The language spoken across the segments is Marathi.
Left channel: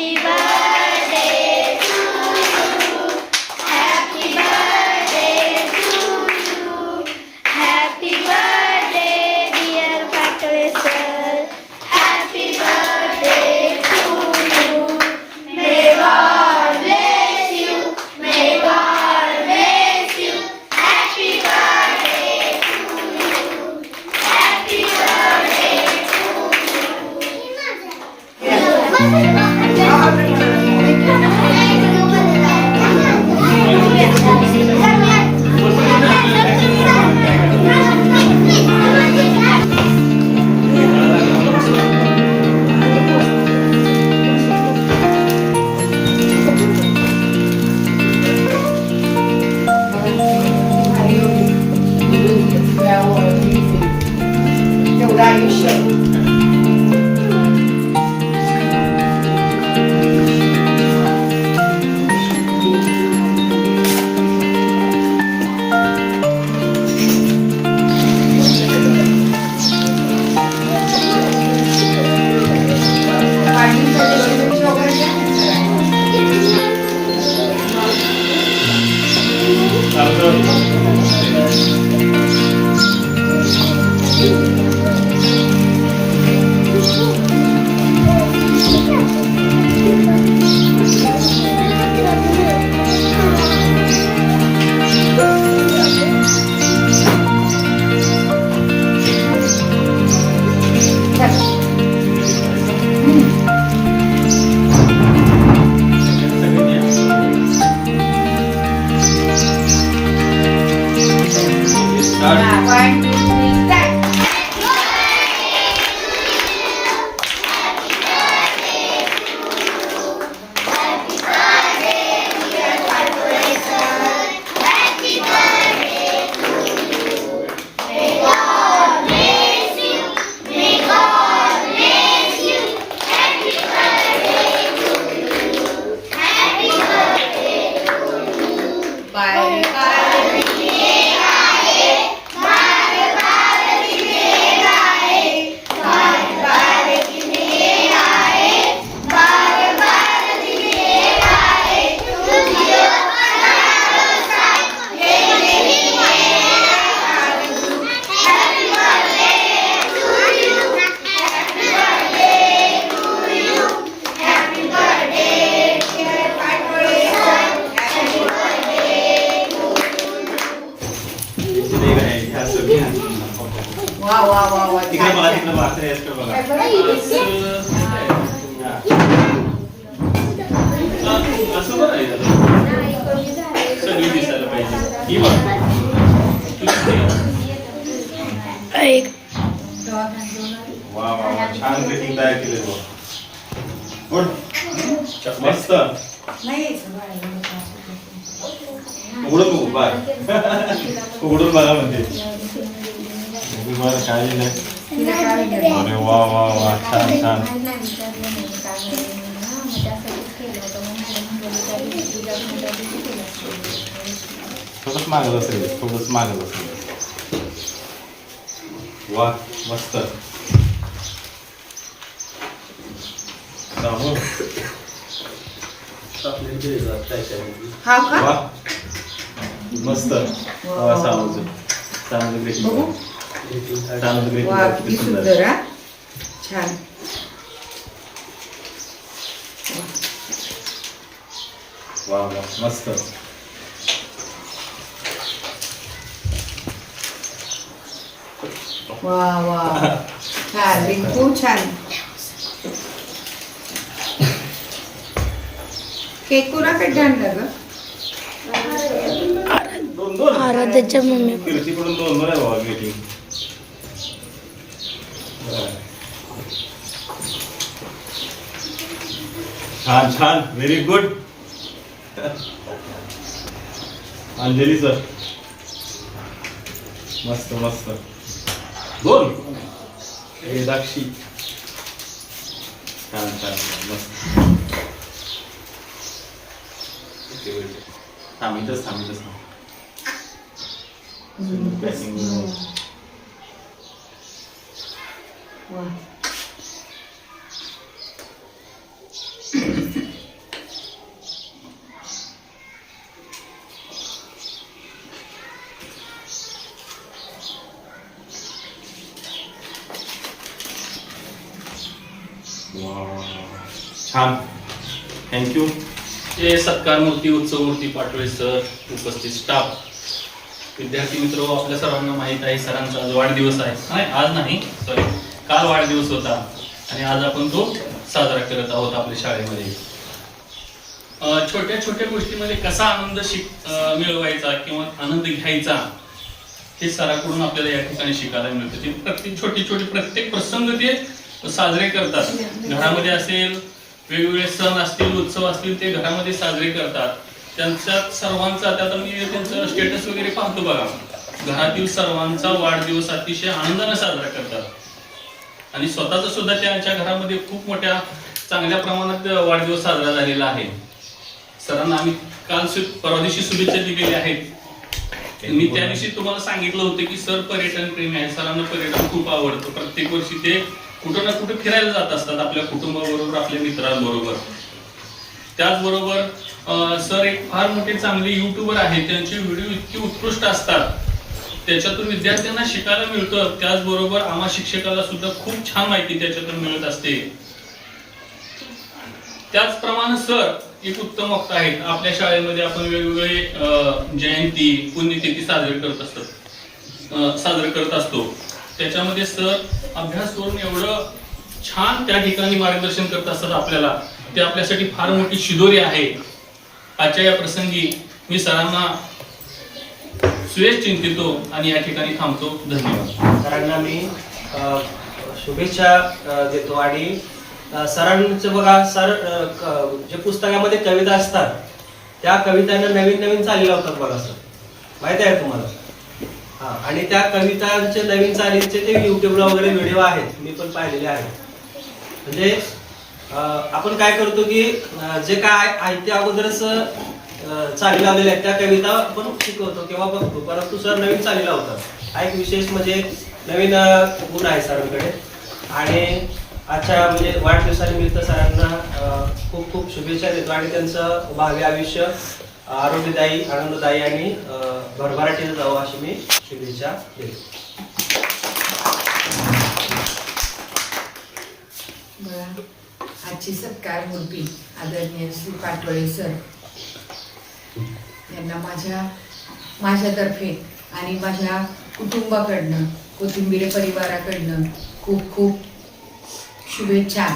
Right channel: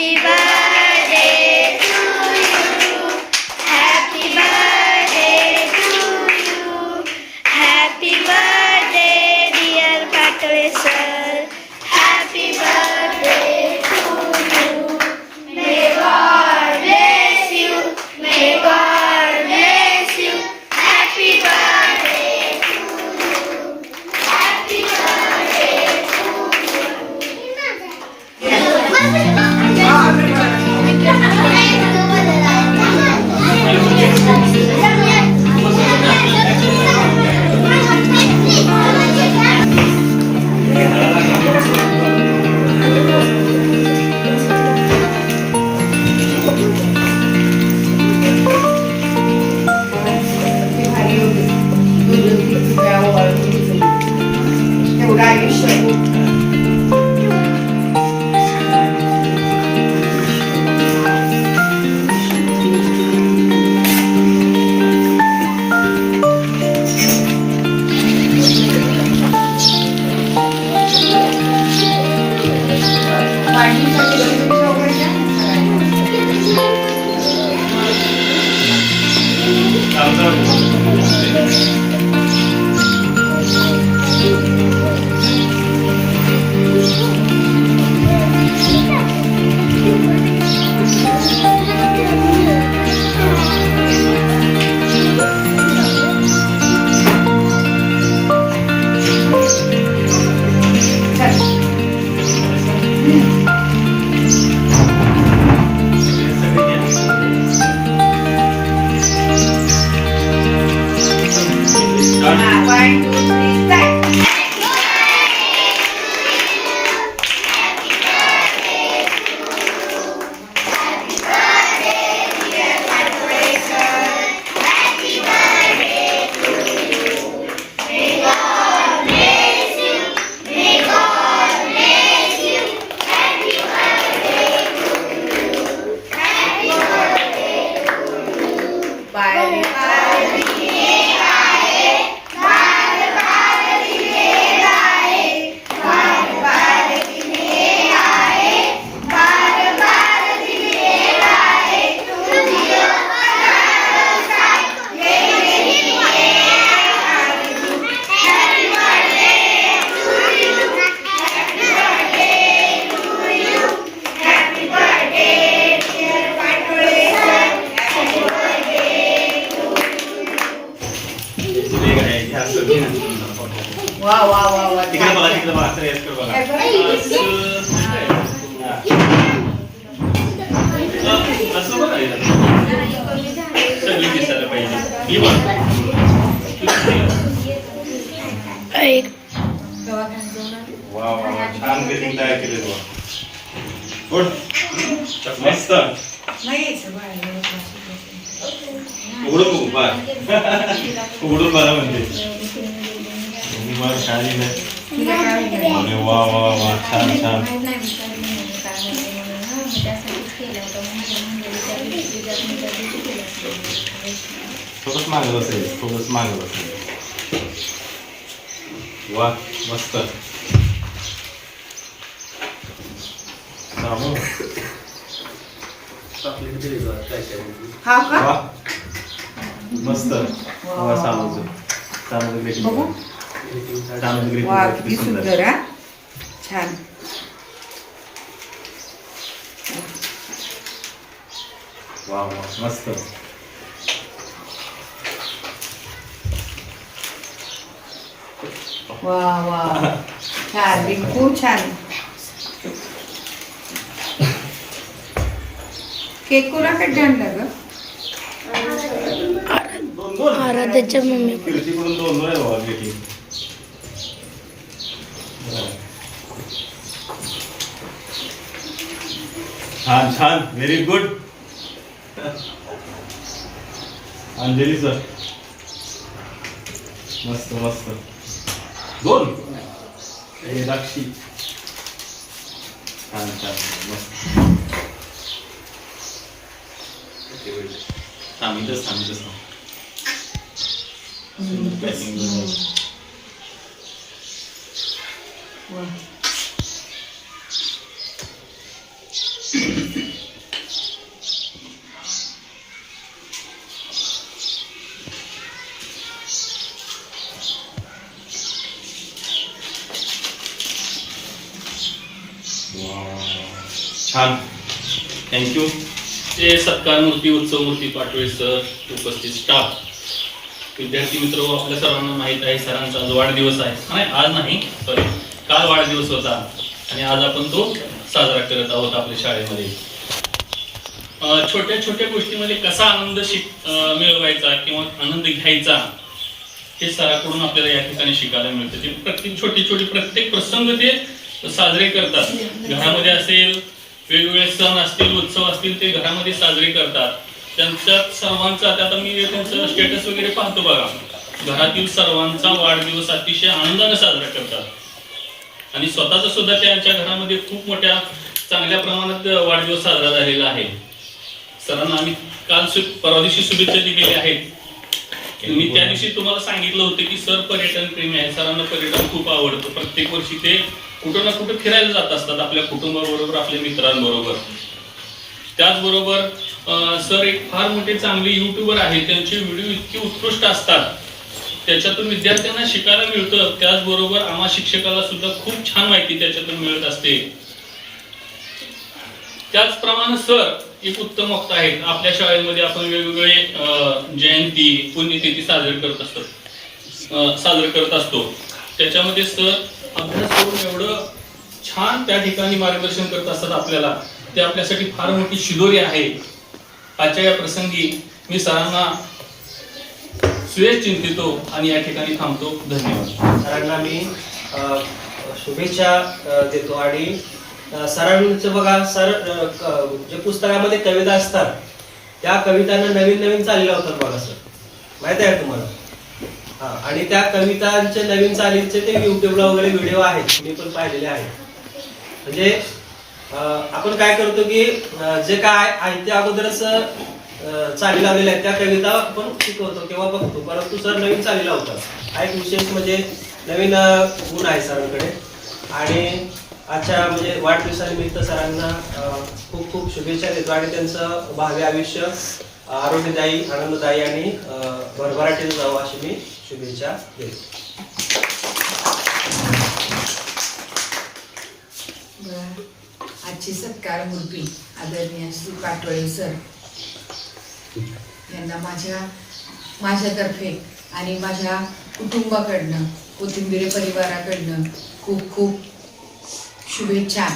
Steven. वा वा वा वा तिकडे बघा तिकडे बघा तिकडे तिकडे बघा काय बरं? असं बघा हे. सगळी दिसायला पाहिजे ही बघ एक दवाखान्यात जाऊन आली? वा वा वा छान ग्रीटिंग तयार केले बघ गुड मस्त नाही यायचं बाळाला त्रास उघडून बघू बघ उघडून बघा म्हणजे बरं काय नाही तिला काय होईल? अरे वा वा वा छान छान थोडंच मागत असेल थोडंच मागत असेल वा मस्त जाऊ. हा का वा मस्त वा चालू वा किती सुंदर हा छान वा वा मस्त वा वा छान रिंकू छान केक कोणाकडे आणला ग दोन दोन आराध्याच्या मम्मी. दोन दोन आहे बाबा छान छान. व्हेरी गुड अंजली सर मस्त मस्त. दोन हे दाक्षी. छान छान. मस्त. थांबितच थांबितच थांब पॅकिंग वा. छान थँक्यू ते सत्कार मूर्ती उत्सव मूर्ती पाटोळे सर उपस्थित स्टाफ विद्यार्थी मित्र हो, आपल्या सर्वांना माहीत आहे सरांचा आज वाढदिवस आहे. नाही आज नाही सॉरी काल वाढदिवस होता आणि आज आपण तो साजरा करत आहोत आपल्या शाळेमध्ये. छोट्या छोट्या गोष्टीमध्ये कसा आनंद शिक मिळवायचा किंवा आनंद घ्यायचा हे सराकडून आपल्याला या ठिकाणी शिकायला मिळतं. ते प्रत्येक छोटी छोटी प्रत्येक प्रसंग ते साजरे करतात. घरामध्ये असेल वेगवेगळे सण असतील उत्सव असतील ते घरामध्ये साजरे करतात. त्यांच्यात सर्वांचा आता मी त्यांचं स्टेटस वगैरे पाहतो बघा. घरातील सर्वांचा वाढदिवस अतिशय आनंदाने साजरा करतात. आणि स्वतःचा सुद्धा त्यांच्या घरामध्ये खूप मोठ्या चांगल्या प्रमाणात वाढदिवस साजरा झालेला आहे. सरांना आम्ही काल शु- परवा दिवशी शुभेच्छा दिलेल्या आहेत. मी त्या दिवशी तुम्हाला सांगितलं होतं की सर पर्यटन प्रेमी आहे. सरांना पर्यटन खूप आवडतं. प्रत्येक वर्षी ते कुठं ना कुठं फिरायला जात असतात आपल्या कुटुंबाबरोबर आपल्या मित्रांबरोबर. त्याचबरोबर सर एक फार मोठे चांगले युट्यूबर आहेत त्यांचे व्हिडिओ इतके उत्कृष्ट असतात. त्याच्यातून विद्यार्थ्यांना शिकायला मिळतं. त्याचबरोबर आम्हा शिक्षकाला सुद्धा खूप छान माहिती त्याच्यातून मिळत असते. त्याचप्रमाणे सर एक उत्तम वक्ता आहेत. आपल्या शाळेमध्ये आपण वेगवेगळे जयंती पुण्यतिथी साजरे करत असतो. साजरे करत असतो. त्याच्यामध्ये सर अभ्यास करून एवढं छान त्या ठिकाणी मार्गदर्शन करत असतात आपल्याला. ते आपल्यासाठी फार मोठी शिदोरी आहे. आजच्या या प्रसंगी मी सरांना सुयश चिंतितो आणि या ठिकाणी थांबतो. धन्यवाद. सरांना मी शुभेच्छा देतो आणि सरांचं बघा सर जे पुस्तकामध्ये कविता असतात त्या कवितांना नवीन नवीन चाली होतात बघा सर. माहीत आहे तुम्हाला? आणि त्या कवितांचे नवीन चालीचे ते युट्यूबला वगैरे व्हिडिओ आहेत. मी पण पाहिलेले आहेत. म्हणजे आपण काय करतो की जे काय आहे ते अगोदरच चाली लावलेल्या आहेत. त्या कविता आपण शिकवतो किंवा बघतो. परंतु सर नवीन चाली लावतात. हा एक विशेष म्हणजे नवीन गुण आहे सरांकडे. आणि आजच्या म्हणजे वाढदिवसानिमित्त सरांना खूप खूप शुभेच्छा देतो. आणि त्यांचं भावी आयुष्य आरोग्यदायी आनंददायी आणि भरभराटीला जाऊ अशी मी शुभेच्छा देते. आजची सत्कार मूर्ती आदरणीय श्री पाटोळे सर. यांना माझ्या माझ्यातर्फे आणि माझ्या कुटुंबाकडनं कोथिंबीर परिवाराकडनं खूप खूप शुभेच्छा.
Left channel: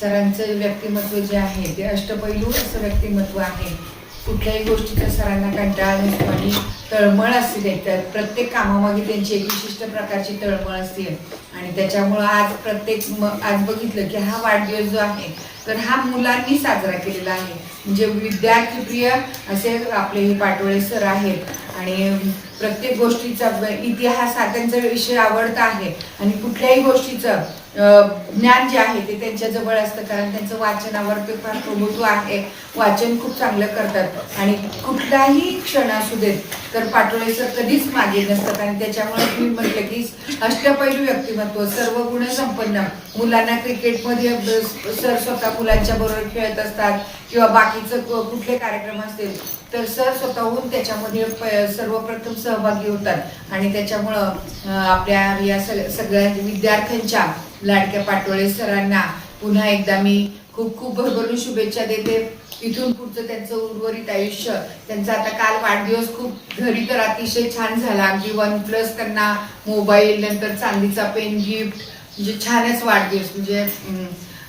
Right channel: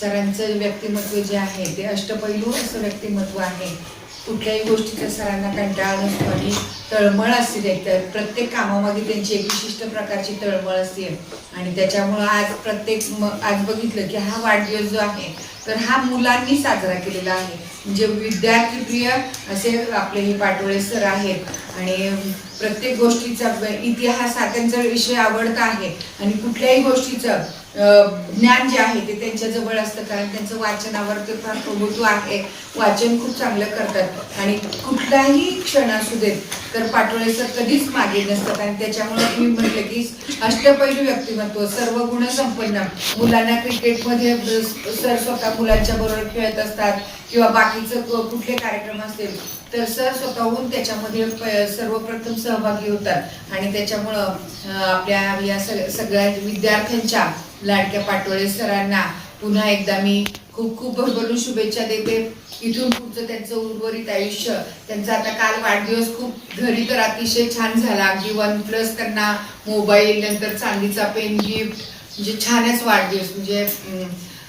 सरांचं व्यक्तिमत्व जे आहे ते अष्टपैलू असं व्यक्तिमत्व आहे. कुठल्याही गोष्टीचा सरांना कंटाळा नसतो आणि तळमळ असते त्यात प्रत्येक कामामागे त्यांची एक विशिष्ट प्रकारची तळमळ असते. आणि त्याच्यामुळं आज प्रत्येक म- आज बघितलं की हा वाढदिवस जो आहे तर हा मुलांनी साजरा केलेला आहे. म्हणजे विद्यार्थीप्रिय असे आपले हे पाटोळे सर आहेत. आणि प्रत्येक गोष्टीचा इतिहास हा त्यांचा विषय आवडता आहे. आणि कुठल्याही गोष्टीचं ज्ञान जे आहे ते त्यांच्या जवळ असतं कारण त्यांचं वाचनावर ते फार प्रभुत्व आहे. वाचन खूप चांगलं करतात. आणि कुठलाही क्षण असू देत तर पाटोळे सर कधीच मागे नसतात. आणि त्याच्यामुळे मी म्हटलं की अष्टपैलू व्यक्तिमत्व सर्व गुण संपन्न. मुलांना क्रिकेटमध्ये सर स्वतः मुलांच्या बरोबर खेळत असतात. किंवा बाकीचं कुठले कार्यक्रम असतील तर सर स्वतःहून त्याच्यामध्ये सर्वप्रथम सहभागी होतात. आणि त्याच्यामुळं आपल्या या सग- सगळ्या विद्यार्थ्यांच्या लाडक्या पाटोळे सरांना पुन्हा एकदा मी खूप खूप भरभरून शुभेच्छा देते. इथून पुढचं त्यांचं उर्वरित आयुष्य त्यांचा आता काल वाढदिवस खूप घरी तर अतिशय छान झाला. अगदी वन प्लस त्यांना मोबाईल नंतर चांदीचा पेन गिफ्ट म्हणजे छानच वाढदिवस. म्हणजे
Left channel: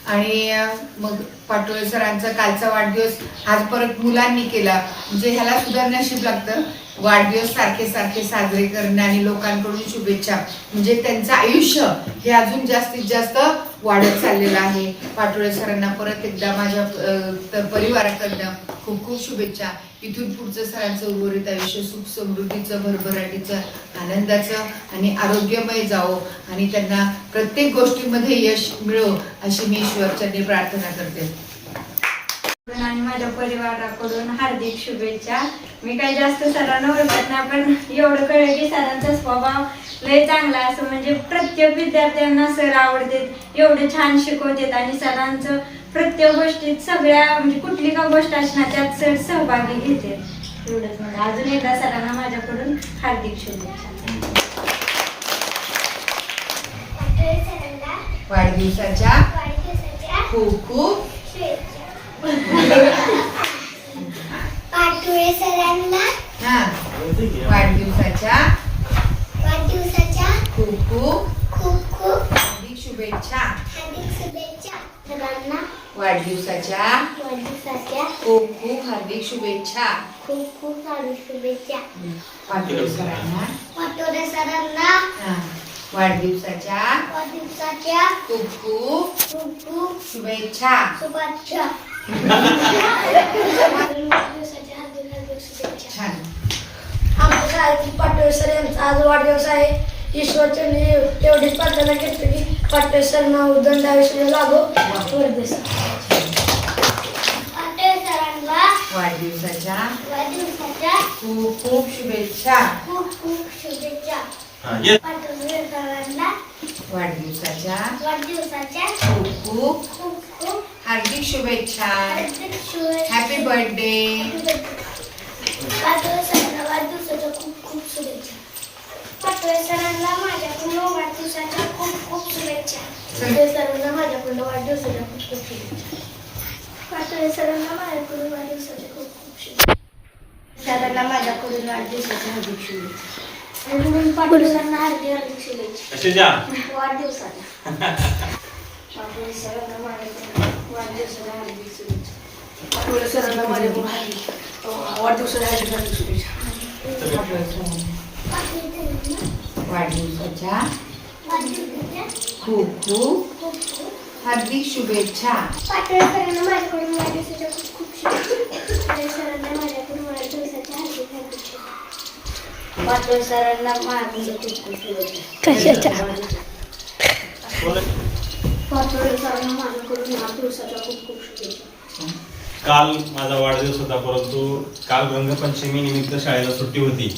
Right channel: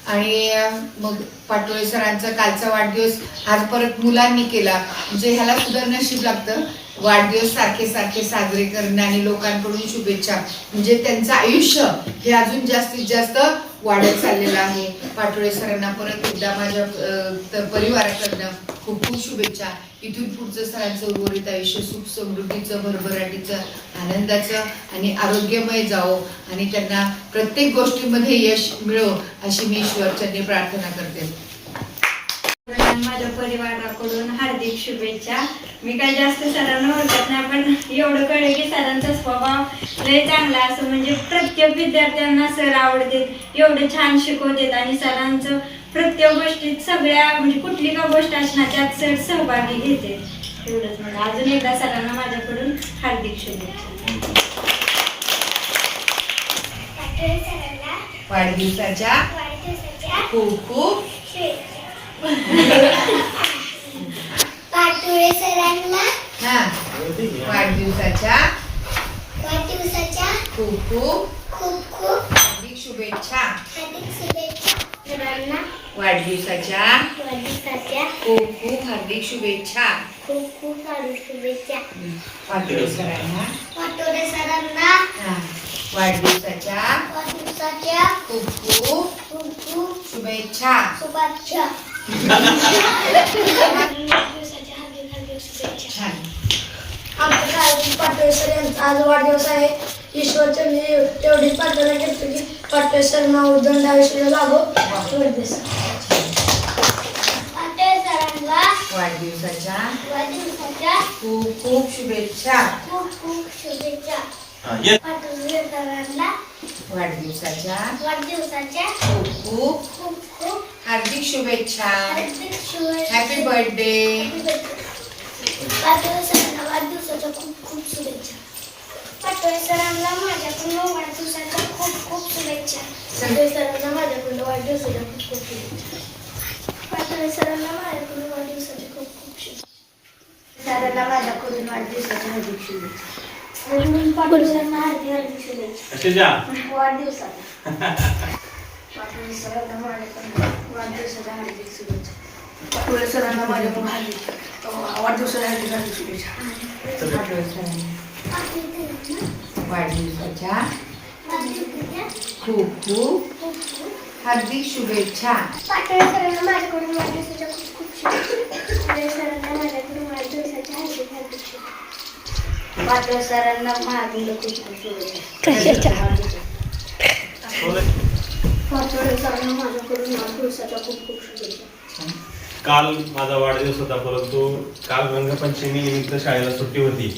आणि मग पाटोळे सरांचा कालचा वाढदिवस आज परत मुलांनी केला. म्हणजे ह्याला सुद्धा नशीब लागतं. वाढदिवस सारखे सारखे साजरे करणे आणि लोकांकडून शुभेच्छा. म्हणजे त्यांचं आयुष्य हे अजून जास्तीत जास्त वाढत चाललेलं आहे. पाटोळे सरांना परत एकदा माझ्या परिवाराकडनं खूप खूप शुभेच्छा. इथून पुढचं सरांचं उर्वरित आयुष्य सुख समृद्धीचं भरभराटीचं आनंदाचं आणि आरोग्यमय जावो आणि त्यांना प्रत्येक गोष्टीमध्ये यश मिळो अशी मी ईश्वरचरणी प्रार्थना करते. आणि माझ्या परिवाराकडून हार्दिक शुभेच्छा. मी काही जास्त सरांना ओळखत नाही पण एवढं कळलं की सरांचा स्वभाव लय चांगला असं म्हणजे प्रत्येक विद्यार्थ्यांना सर आवडतात एवढं छान शिकवतात आणि सरांचं प्रत्येक गोष्टीत सगळ्या म्हणजे कुठली का गोष्ट असणार त्यात सर सहभागी घेते. एवढंच म्हणजे अजून एकदा सरांना माझ्याकडून हार्दिक शुभेच्छा. वाढदिवसाच्या खूप खूप पाटोळे सरांना हा. वाढदिवसाच्या वाढदिवसाच्या खूप खूप खूप खूप हार्दिक शुभेच्छा. हार्दिक शुभेच्छा सरांना. वाढदिवसाच्या वाढदिवसाच्या खूप खूप हार्दिक शुभेच्छा. खूप खूप हार्दिक शुभेच्छा. पाटोळे सरांना. पाटोळे सरांना. वाढदिवसाच्या वाढदिवसाच्या खूप खूप खूप खूप शुभेच्छा. शुभेच्छा. वाढदिवसाच्या हार्दिक हार्दिक शुभेच्छा. छान. आमच्या पाटोळे सर यांचा आज वाढदिवस आहे. ईश्वरचंदी तेवढीच प्रार्थना करतो की पाटोळे सर नाव दंड आयुष्य लागो. वाढदिवस पाटोळे सरांना वाढदिवसाच्या वाढदिवसाच्या खूप खूप शुभेच्छा. खूप खूप शुभेच्छा. हा, वाढदिवसाच्या वाढदिवसाच्या खूप खूप खूप खूप हार्दिक शुभेच्छा. हार्दिक शुभेच्छा. हॅपी बर्थडे वाढदिवसाच्या खूप खूप शुभेच्छा. पाटोळे सरांना माझ्याकडून वाढदिवसाच्या खूप खूप शुभेच्छा. पाटोळे सरांना माझ्याकडून वाढदिवसाच्या खूप खूप शुभेच्छा. पाटोळे सरांना माझ्याकडून वाढदिवसाच्या खूप खूप शुभेच्छा. सरांना माझ्याकडून वाढदिवसाच्या हार्दिक शुभेच्छा. पाटोळे सरांना हार्दिक हार्दिक शुभेच्छा. असे जा वाढदिवसाच्या. पाटोळे सरांना माझ्याकडून वाढदिवसाच्या हार्दिक शुभेच्छा. पाटोळे सरांना माझ्याकडून हार्दिक वाढदिवसाच्या हार्दिक हार्दिक शुभेच्छा. पाटोळे सरांना वाढदिवसाच्या. खूप खूप. हार्दिक शुभेच्छा. पाटोळे सरांना माझ्याकडून वाढदिवसाच्या खूप खूप शुभेच्छा. पाटोळे सरांना माझ्याकडून वाढदिवसाच्या हार्दिक हार्दिक शुभेच्छा. पाटोळे सरांना माझ्याकडून खूप खूप शुभेच्छा. पाटोळे सरांना माझ्याकडून वाढदिवसाच्या खूप खूप शुभेच्छा. काल माझा वाढदिवस होता परंतु काल रंगपंचमी निमित्त शाळेला सुट्टी होती.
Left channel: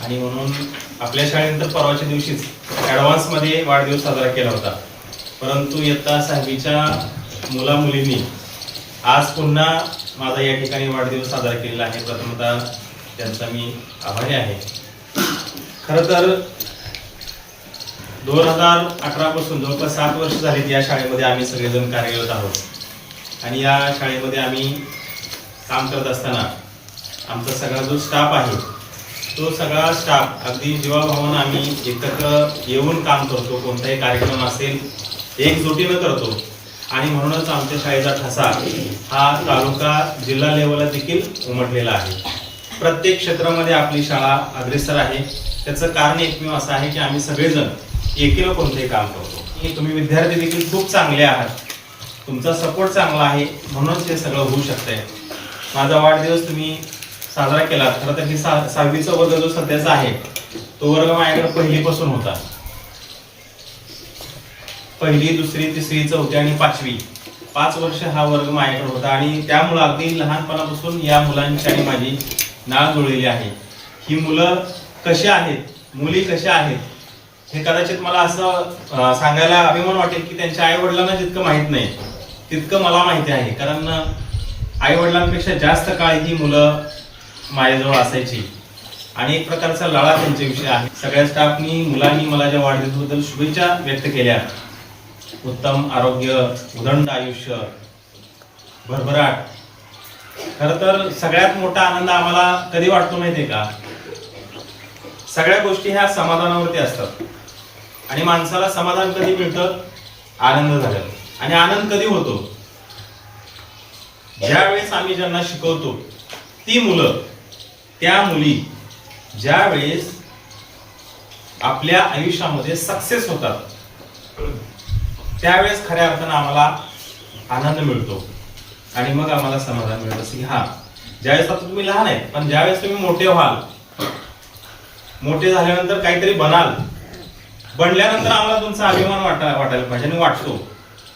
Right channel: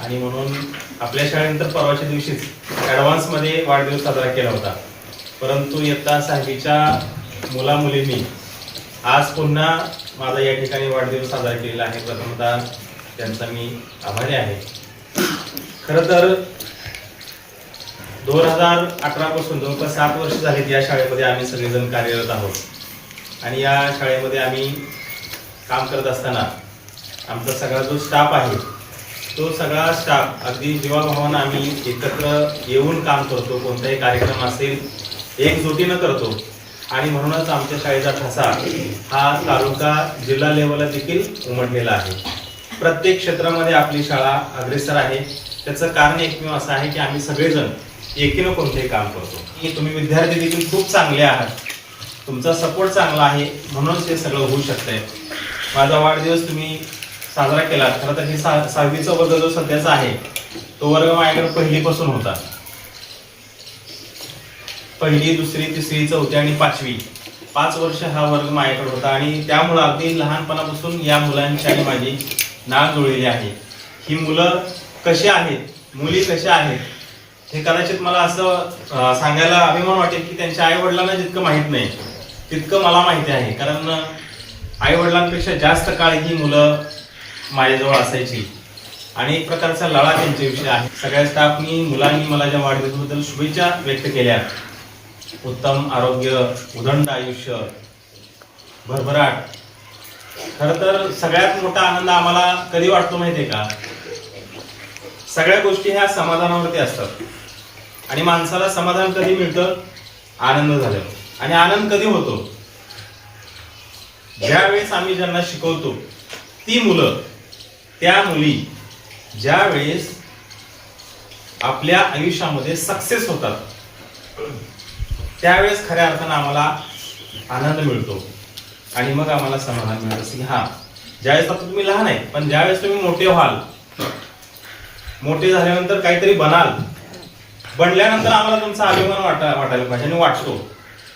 आणि म्हणून आपल्या शाळेनंतर परवाच्या दिवशीच ॲडव्हान्समध्ये वाढदिवस साजरा केला होता. परंतु इयत्ता सहावीच्या मुला मुलींनी आज पुन्हा माझा या ठिकाणी वाढदिवस साजरा केलेला आहे. प्रथमतः त्यांचा मी आभारी आहे. खरं तर दोन हजार अकरापासून जवळपास सात वर्ष झालीत या शाळेमध्ये आम्ही सगळेजण कार्यरत आहोत. आणि या शाळेमध्ये आम्ही काम करत असताना आमचा सगळा जो स्टाफ आहे तो सगळा स्टाफ अगदी जीवाभावानं आम्ही एकत्र येऊन काम करतो. कोणताही कार्यक्रम असेल एकजुटीनं करतो. आणि म्हणूनच आमच्या शाळेचा ठसा हा तालुका जिल्हा लेवलला देखील उमटलेला आहे. प्रत्येक क्षेत्रामध्ये आपली शाळा अग्रेसर आहे. त्याचं कारण एकमेव असं आहे की आम्ही सगळेजण एकीनं कोणतेही काम करतो. की तुम्ही विद्यार्थी देखील खूप चांगले आहात. तुमचा सपोर्ट चांगला आहे. म्हणूनच हे सगळं होऊ शकतंय. माझा वाढदिवस तुम्ही साजरा केला खरं तर मी सा सहावीचा वर्ग जो सध्याचा आहे तो वर्ग माझ्याकडे पहिलीपासून होता. पहिली दुसरी तिसरी चौथी आणि पाचवी. पाच वर्ष हा वर्ग माझ्याकडे होता आणि त्यामुळं अगदी लहानपणापासून या मुलांची आणि माझी नाळ जुळलेली आहे. ही मुलं कशी आहेत? मुली कशा आहेत? हे कदाचित मला असं सांगायला अभिमान वाटेल की त्यांच्या आई वडिलांना जितकं माहीत नाही तितकं मला माहिती आहे. कारण आई वडिलांपेक्षा जास्त काळ ही मुलं माझ्याजवळ असायची. आणि एक प्रकारचा लळा त्यांच्याविषयी आहे. सगळ्या स्टाफनी मुलांनी मला ज्या वाढदिवसाबद्दल शुभेच्छा व्यक्त केल्या. उत्तम आरोग्य उदंड आयुष्य भरभराट. खर तर सगळ्यात मोठा आनंद आम्हाला कधी वाटतो माहितीये का? सगळ्या गोष्टी ह्या समाधानावरती असतात. आणि माणसाला समाधान कधी मिळतं? आनंद झाल्यावर. आणि आनंद कधी होतो? ज्या वेळेस आम्ही ज्यांना शिकवतो ती मुलं त्या मुली ज्या वेळेस आपल्या आयुष्यामध्ये सक्सेस होतात. त्यावेळेस खऱ्या अर्थानं आम्हाला आनंद मिळतो. आणि मग आम्हाला समाधान मिळत. असं की हा ज्यावेळेस आता तुम्ही लहान आहे पण ज्यावेळेस तुम्ही मोठे व्हाल मोठे झाल्यानंतर काहीतरी बनाल बनल्यानंतर आम्हाला तुमचा अभिमान वाटा वाटायला पाहिजे आणि वाटतो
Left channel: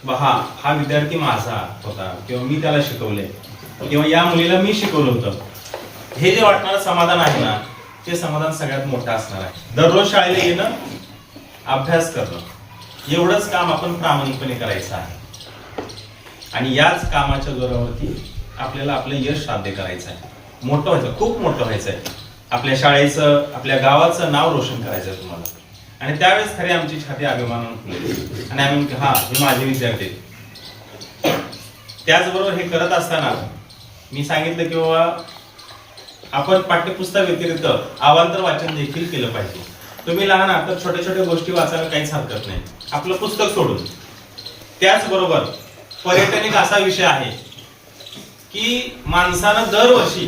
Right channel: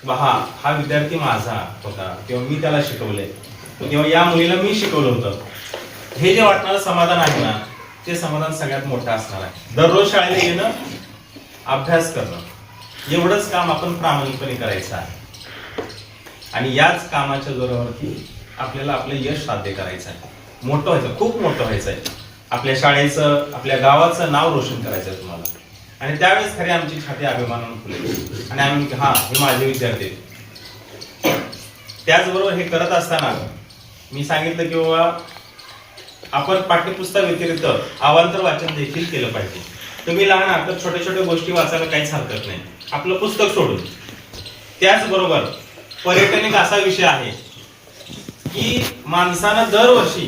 बहा हा हा विद्यार्थी माझा होता किंवा मी त्याला शिकवले किंवा या मुलीला मी शिकवलं होतं. हे जे वाटणारं समाधान आहे ना ते समाधान सगळ्यात मोठं असणार आहे. दररोज शाळेला येणं अभ्यास करणं. एवढंच काम आपण प्रामाणिकपणे करायचं आहे. आणि याच कामाच्या जोरावरती आपल्याला आपलं यश साध्य करायचं आहे. मोठं व्हायचं खूप मोठं व्हायचं आहे. आपल्या शाळेचं आपल्या गावाचं नाव रोशन करायचं आहे तुम्हाला. आणि त्यावेळेस खरी आमची छाती अभिमानानं फुलेल. आणि आम्ही म्हणतो, हा हे माझे विद्यार्थी त्याचबरोबर हे करत असताना मी सांगितलं की बाबा आपण पाठ्यपुस्तक व्यतिरिक्त आवांतर वाचन देखील केलं पाहिजे. तुम्ही लहान आता छोट्या छोट्या गोष्टी वाचायला काहीच हरकत नाही. आपलं पुस्तक सोडून. त्याचबरोबर पर्यटन एक असा विषय आहे की माणसानं दरवर्षी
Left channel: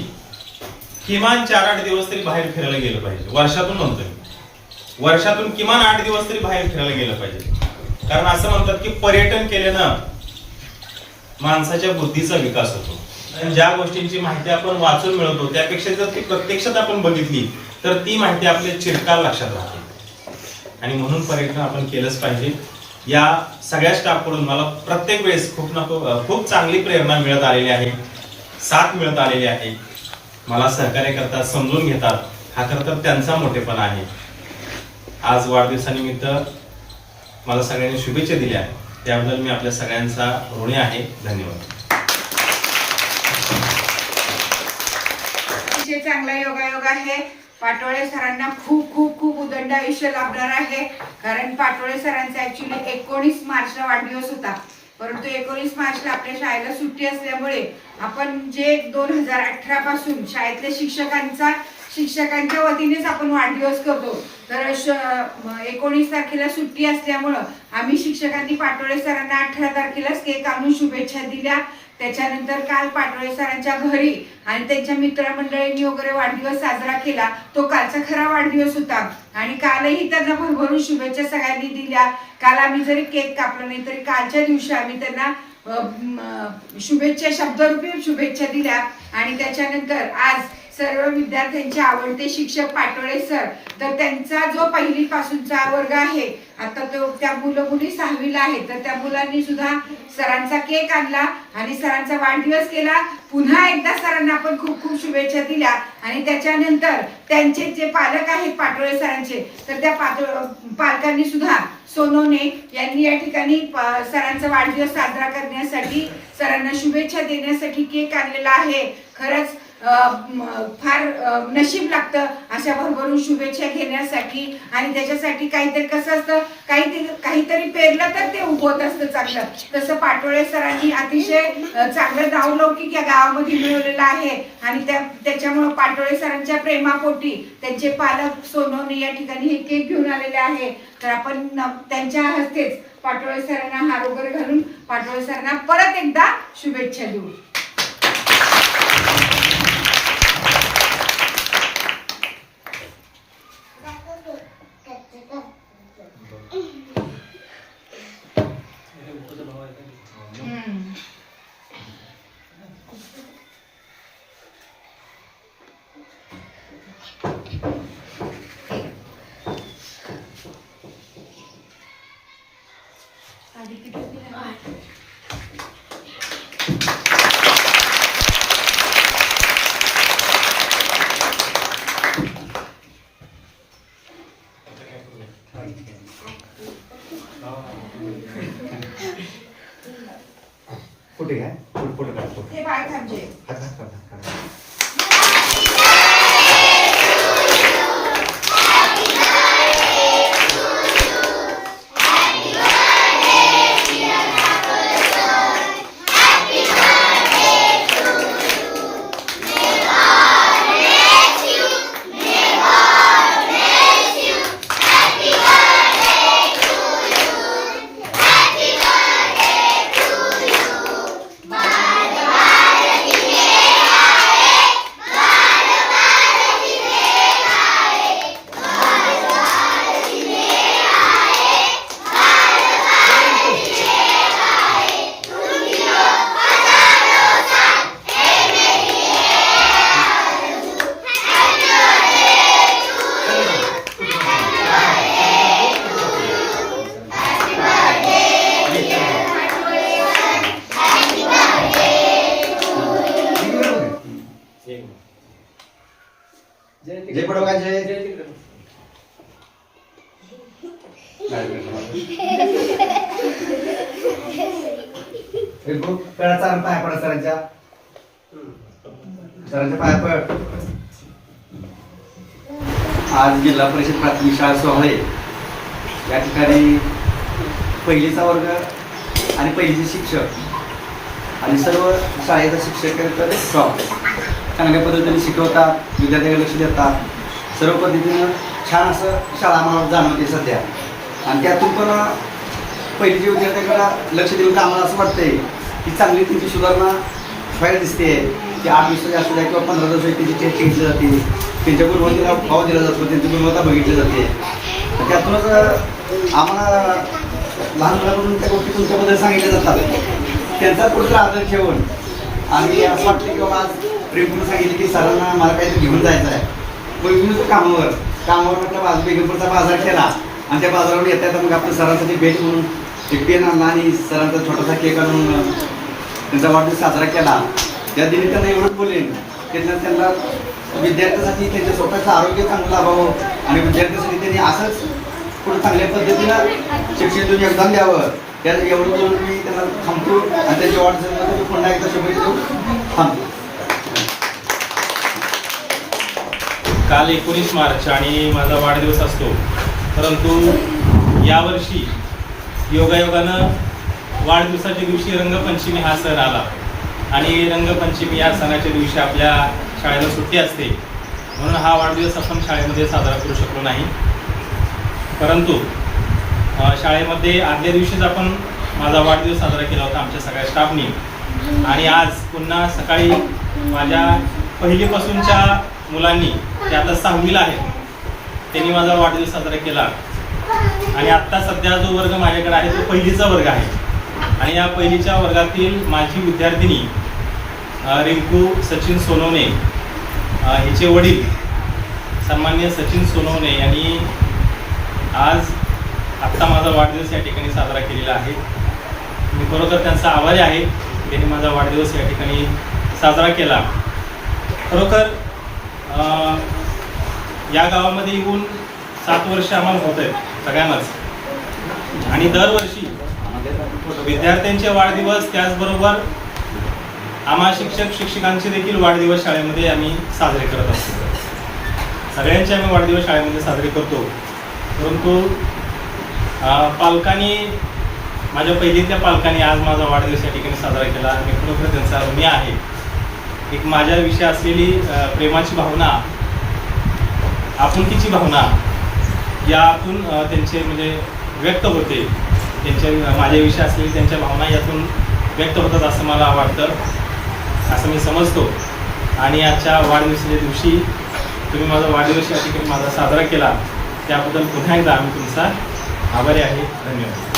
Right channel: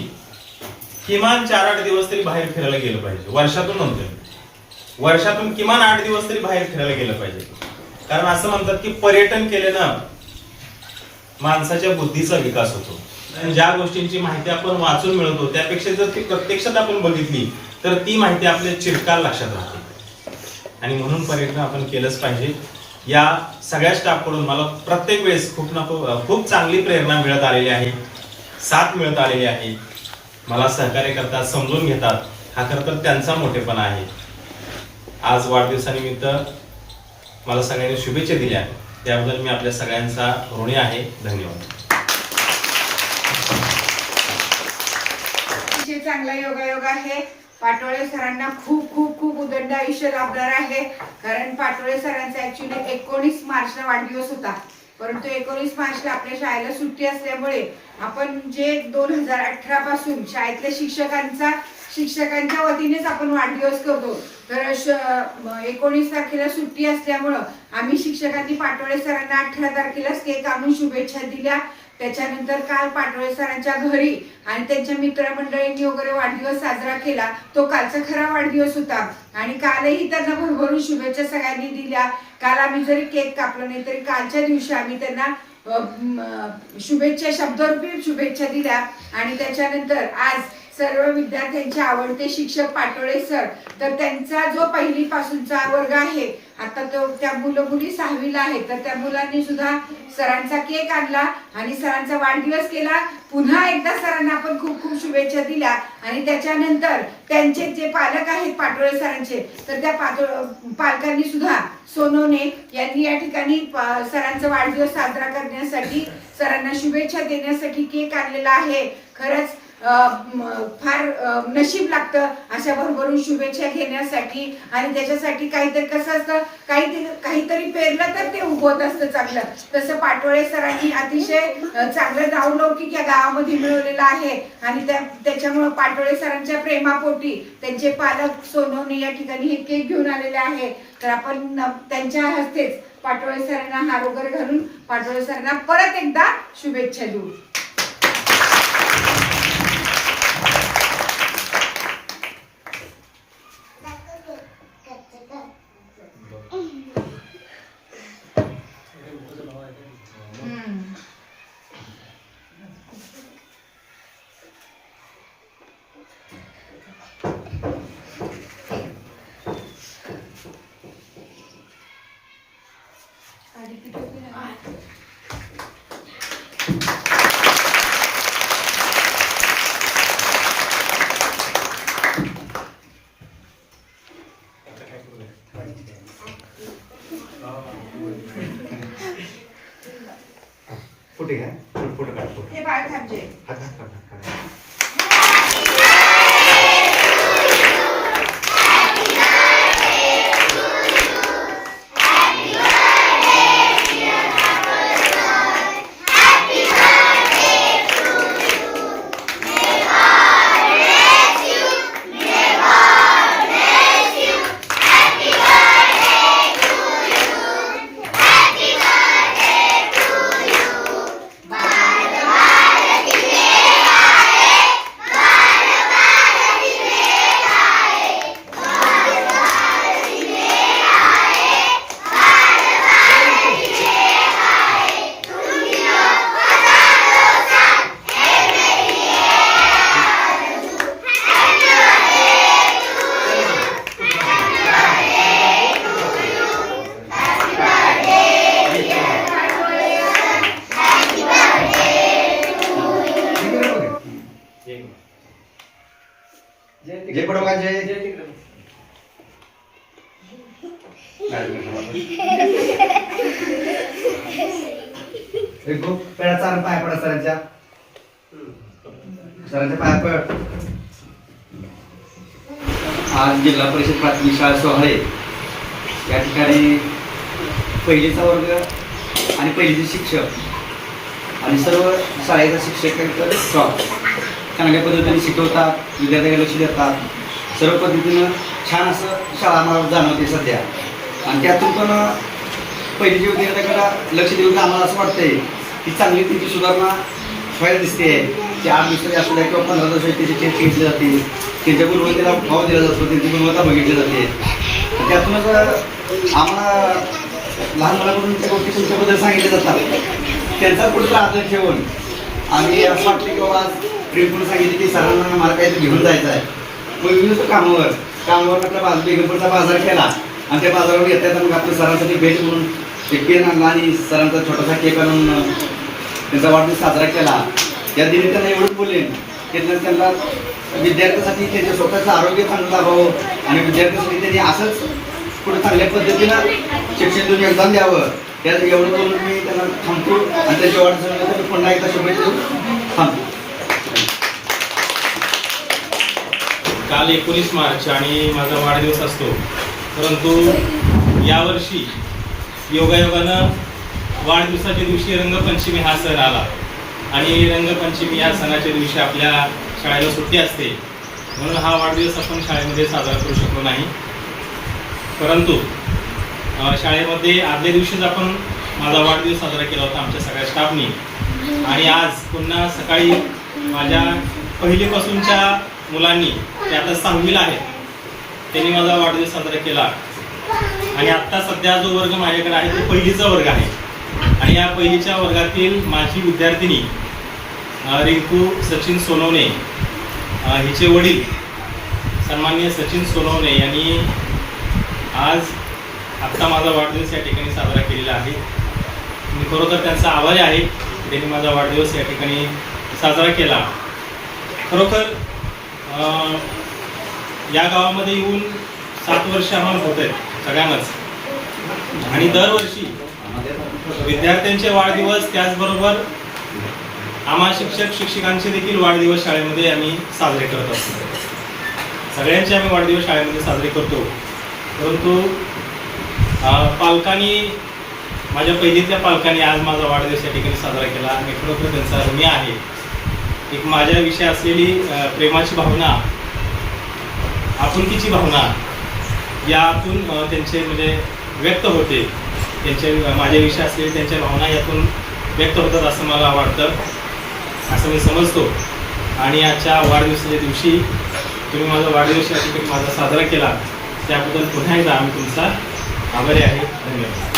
किमान चार आठ दिवस तरी बाहेर फिरायला गेलं पाहिजे. वर्षातून म्हणतोय मी. वर्षातून किमान आठ दिवस तरी बाहेर फिरायला गेलं पाहिजे. कारण असं म्हणतात की पर्यटन केल्यानं माणसाच्या बुद्धीचा विकास होतो. ज्या गोष्टींची माहिती आपण वाचून मिळवतो त्यापेक्षा जर ती प्रत्यक्षात आपण बघितली तर ती माहिती आपल्या चिरकाल लक्षात राहते. आणि म्हणून पर्यटन आपण केलंच पाहिजे. या सगळ्या स्टाफकडून मला प्रत्येक वेळेस खूप ना खूप चांगली प्रेरणा मिळत आलेली आहे. साथ मिळत आलेली आहे. मला सहकार्य करतात समजून घेतात. हा खरं तर त्यांचा मोठेपणा आहे. आज वाढदिवसानिमित्त मला सगळ्यांनी शुभेच्छा दिल्या. त्याबद्दल मी आपल्या सगळ्यांचा ऋणी आहे. धन्यवाद. चांगला योगायोग आहे पाटोळे सरांना खूप खूप खूप उदंड आयुष्य लाभणार आहे. कारण पाटोळे सरांचा ऍक्च्युली एकोणीस मार्चला वाढदिवस होता. परंतु एकोणीस मार्चला आपल्या शाळेला सुट्टी असल्यामुळे आपण जे दोन हजार अठरा पासून शाळेतल्या शिक्षकांचा शिक्षकांच्या वतीनेच आपण वाढदिवस करतो. तर एकोणीस तारखेला सुट्टी असल्यामुळं आम्ही शिक्षकांनी पाटोळे सरांना अठरा तारखेलाच केक आणून शुभेच्छा दिल्या. त्याच्यानंतर काल पाटोळे सरांच्या घरी आणि त्यांच्या मित्रमंडळींनी वगैरे वाढदिवस साजरा केला. तो कालचा खरा वाढदिवस होता. आणि कालही त्यांना भरभरून शुभेच्छा सगळ्यांनी दिल्या. काल आम्ही जरी केक कापला नाही तरी कालच्या दिवशी आम्ही त्यांना शुभेच्छा शब्दरूपी शुभेच्छा दिल्या. आणि त्याच्यानंतर आज सर्व विद्यार्थ्यांचे आवडते शिक्षक पाटोळे सर. तर त्यांचा जो पहिली पासूनचा वर्ग आहे आता तो त्या मुलं मुली सहावीला आहे तर त्या मुलांनी सुद्धा सरांचा केक आणला आणि सरांचा वाढदिवस केला. पुन्हा एकदा सरांना आपण खूप खूप शुभेच्छा दिल्या. आणि त्याच्यानंतर त्यांचे जे पालक आहेत पाटोळे सरांचे तर त्या पालकांनी सुद्धा सोनोने यांनी या ठिकाणी सरांचा वाढदिवस साजरा करण्यासाठी सरांना शुभेच्छा देण्यासाठी केक आणलेला आहे. खरंच फार नशीब लागतं अशा भरभरून शुभेच्छा घेण्यासाठी. आणि त्याच्यासाठी काहीतरी कसं असतं काहीतरी काहीतरी पेरलं तर ते उगवत असतं चांगलं. तसं पाटोळे सरांनी अतिशय चांगलं नावलौकिक या गावामध्ये मिळवलेलं आहे. आणि त्या त्याच्यामुळं पाटोळे सरांच्या प्रेमापोटी त्यांचे पालक सोनवणे या ठिकाणी हे केक घेऊन आलेले आहे. तर आपण त्यांच्या हस्तेच पाटोळे सरांना हार वगैरे घालून पाटोळे सरांना परत एकदा शुभेच्छा देऊ. सरांच्या? सरांच्या पाया पड आज जिल्हा परिषद प्राथमिक शाळा सोहळे. या ठिकाणी पहिलीचा वर्ग आणि पहिलीचे शिक्षक आणि सर्व शाळेचा शिक्षक स्टॉप चांगल्या पद्धतीने शिकवतात विद्यार्थ्याकडे लक्ष देतात. सर्व पद्धतीनं छान असं शाळा आम्हाला जाणवते सध्या. आणि त्यातून पण पहिलीच्या विद्यार्थ्याकडे लक्ष देऊन आम्हाला असं वाटतंय ही चांगली तिची सुधारणा व्हायला दिसते. की आठ दिवसाची असू द्या किंवा पंधरा दिवसाची त्याची टेस्ट घेतली जाते. त्यांच्या गुणवत्तेला भाव दिला जातो त्यांची गुणवत्ता बघितली जाते. तर त्यातूनच आम्हाला लहान मुलांकडून त्या गोष्टी तुमच्याबद्दल सांगितल्या जातात. त्यांचा कुठला आदर ठेवून आम्ही असं वाटलं की बाबा आज प्रेमपूर्ण सांगितलं की सरांना मला काहीतरी घेऊन जायचं आहे. मग घेऊन कामावर. कामावर आपला बाज बेगमपूरचा बाजार केला आणि त्या बाजारावर येता येतात मग आपल्या सरांसाठी भेट म्हणून एक पेन आणला आणि सरांचा छोटासा केक आणून त्यांचा वाढदिवस साजरा केला. या दिनी त्यांना एवढंच बोलेन की त्यांना विद्यार्थ्यासाठी विद्यार्थ्यांसाठी त्यांच्या स्वतःचं आरोग्य चांगलं लाभावं आणि विद्यार्थ्यांसाठी त्यांनी असंच कुठं चांगल्या पद्धतीनं शिक्षण योगदान द्यावं. त्या एवढं बोलून मी त्यांना थांबतो आणि त्याच्या वाढदिवसाला पुन्हा एकदा शुभेच्छा देऊन थांबतो. काल एकोणीस मार्च आणि माझा वाढदिवस असतो. परंतु यावर्षी योगायोगानं वाढदिवसाच्या दिवशी रंगपंचमी हा सण आला. आणि रंगपंचमी या सणाच्या दिवशी आपल्या शाळेला सुट्टी असते. म्हणून हा वाढदिवस आपण शाळेमध्ये साजरा करू शकलो नाही. परंतु शाळेमध्ये आदल्या दिवशीच आपण माझा वाढदिवस साजरा केला होता आमच्या सगळ्या स्टाफनी. आणि आज पुन्हा सकाळी माझ्या पहिलीपासूनच्या मुलांनी ते आता सहावीला आहेत त्यांनी माझा वाढदिवस साजरा केला. आणि आत्ता सध्या जो वर्ग माझ्याकडे आहे तो पहिलीचा वर्ग आहे. आणि या पहिलीच्या वर्गातील माझी विद्यार्थिनी रिंकू सचिन सोनवणे हिचे वडील सन्मान्य सचिन सोनवणे यांनी आज आत्ता माझा वाढदिवस या ठिकाणी साजरा केलेला आहे. मी खरोखर त्यांचा आभारी आहे त्यांनी माझा वाढदिवस या ठिकाणी साजरा केला. खरोखर या गावामध्ये येऊन सात वर्ष आम्हाला होत आहेत. सगळ्यांनाच. आणि दरवर्षी विद्यार्थ्यांचे वाढदिवस त्याचबरोबर आम्हा शिक्षक शिक्षिकांचे देखील वाढदिवस शाळेमध्ये आम्ही साजरे करत असतो. सगळ्यांचे आम्ही वाढदिवस शाळेमध्ये साजरे करतो. परंतु पालकांनी माझ्या पहिलीतल्या पालकांनी आज माझा वाढदिवस या ठिकाणी साजरा केला. आणि खरोखर त्यांचा ऋणी आहे. एक माझ्याविषयी असलेली प्रेमाची भावना आपुलकीची भावना यातून त्यांचे म्हणजे व्यक्त होते. त्यांच्या माझ्याविषयी असलेली त्यांच्या भावना यातून व्यक्त होतात असं मला वाटतं असं मी समजतो. आणि आजच्या वाढदिवसाच्या दिवशी तुम्ही माझा वाढदिवस या ठिकाणी माझा साजरा केला त्याबद्दल पुन्हा एकदा आम्ही तुमचा आभारी आहे. धन्यवाद.